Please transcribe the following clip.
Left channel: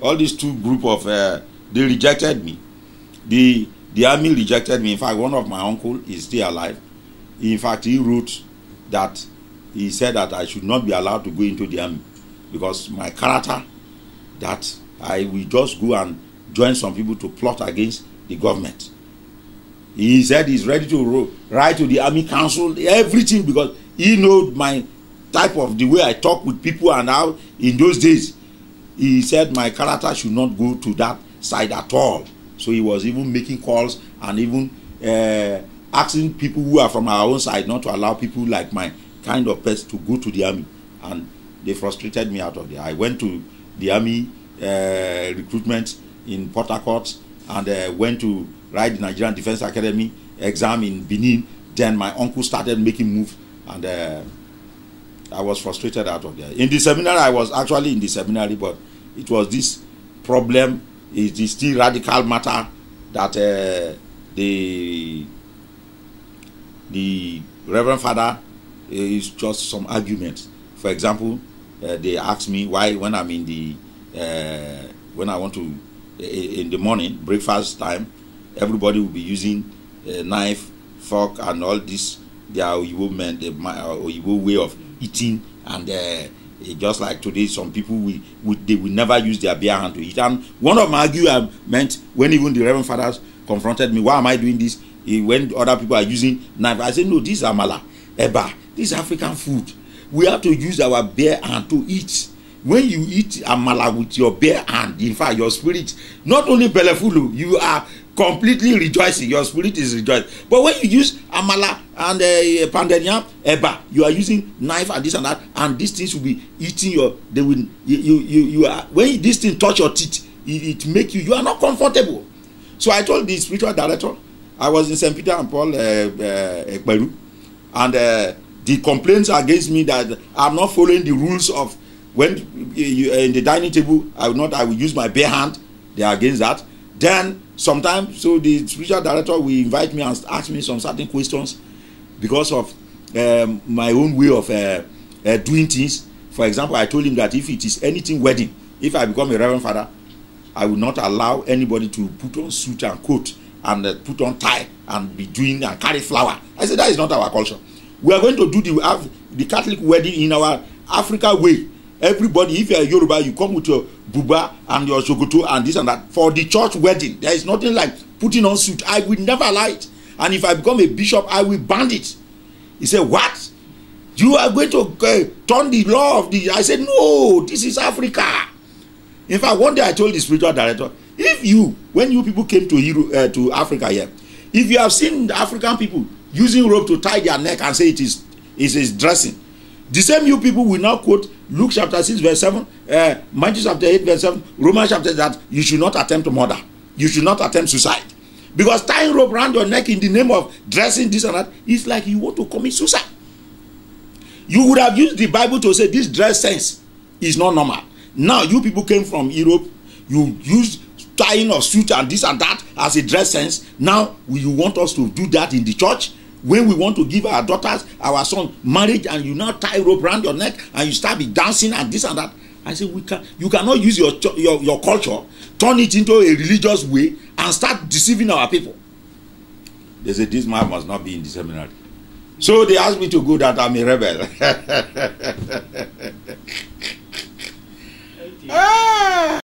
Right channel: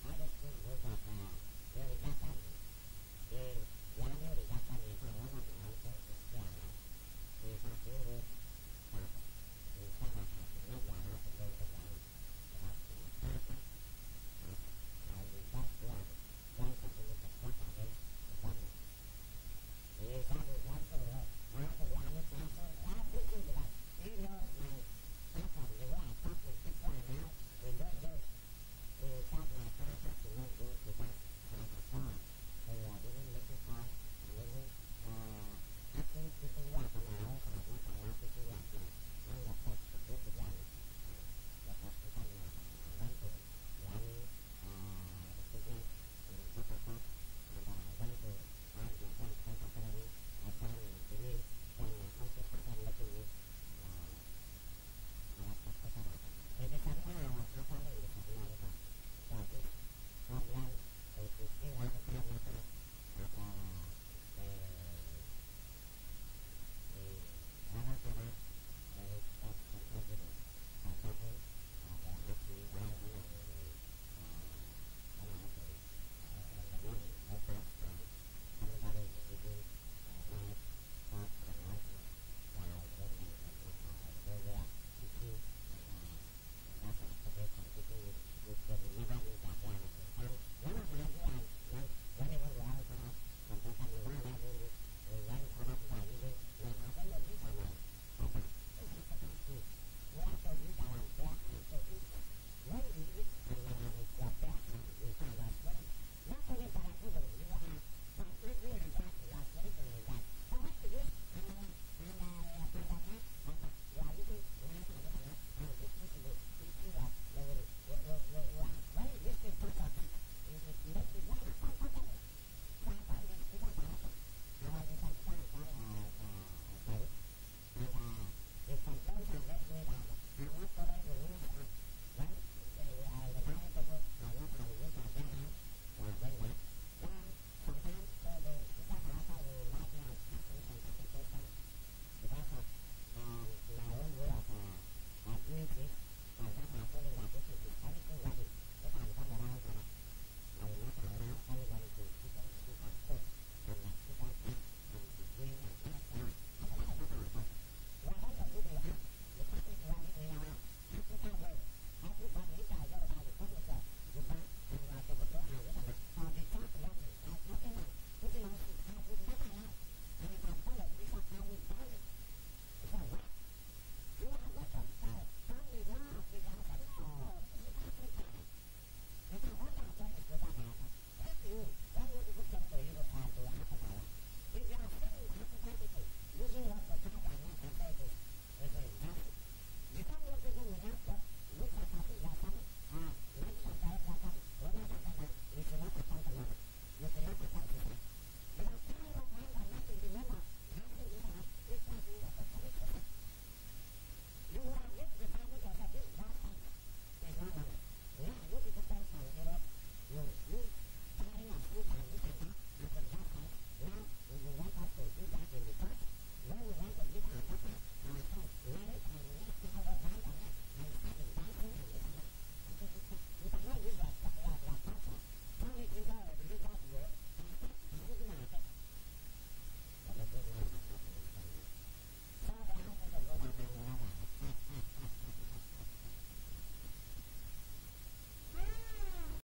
all these two group of, they rejected me. The army rejected me. In fact, one of my uncle is still alive. In fact, he wrote that he said that I should not be allowed to go into the army because my character, that I will just go and join some people to plot against the government. He said he's ready to write to the army council, everything, because he knows my type of the way I talk with people and how in those days. He said my character should not go to that side at all. So he was even making calls and even asking people who are from our own side not to allow people like my kind of person to go to the army. And they frustrated me out of there. I went to the army recruitment in Port Harcourt and went to write the Nigerian Defense Academy exam in Benin. Then my uncle started making moves and I was frustrated out of there. In the seminary, I was actually in the seminary, but it was this problem, it is still radical matter that the Reverend Father is just some arguments. For example, they asked me why when I'm in the, when I want to, in the morning, breakfast time, everybody will be using a knife, fork, and all this, their Oyibo men, the Oyibo way of eating, and just like today, some people they will never use their bare hand to eat. And one of my arguments, when even the Reverend Fathers confronted me, why am I doing this? When other people are using knife, I said, no, this is amala, eba, this is African food. We have to use our bare hand to eat. When you eat amala with your bare hand, in fact, your spirit, not only belefulu, you are completely rejoicing. Your spirit is rejoicing. But when you use amala and pandenya, eba, you are using knife and this and that, and these things will be eating your. They will. You are, when this thing touch your teeth, it make you. You are not comfortable. So I told the spiritual director, I was in St. Peter and Paul, Iperu, and the complaints against me that I'm not following the rules of when in the dining table, I will use my bare hand. They are against that. Then sometimes, so the spiritual director will invite me and ask me some certain questions because of my own way of doing things. For example, I told him that if it is anything wedding, if I become a Reverend Father, I will not allow anybody to put on suit and coat and put on tie and be doing and carry flower. I said that is not our culture. We are going to do the Catholic wedding in our Africa way. Everybody, if you are Yoruba, you come with your buba and your shokoto and this and that. For the church wedding, there is nothing like putting on suit. I will never allow it. And if I become a bishop, I will ban it. He said, what? You are going to turn the law of the... I said, no, this is Africa. In fact, one day I told the spiritual director, if you, when you people came to Africa here, if you have seen the African people using rope to tie their neck and say it is dressing, the same you people will now quote Luke chapter 6 verse 7, Matthew chapter 8 verse 7, Romans chapter that you should not attempt murder. You should not attempt suicide. Because tying rope around your neck in the name of dressing this and that is like you want to commit suicide. You would have used the Bible to say this dress sense is not normal. Now you people came from Europe, you used tying of suit and this and that as a dress sense. Now you want us to do that in the church? When we want to give our daughters, our son marriage, and you now tie rope around your neck and you start be dancing and this and that. I say you cannot use your culture, turn it into a religious way and start deceiving our people. They say this man must not be in the seminary. So they asked me to go that I'm a rebel.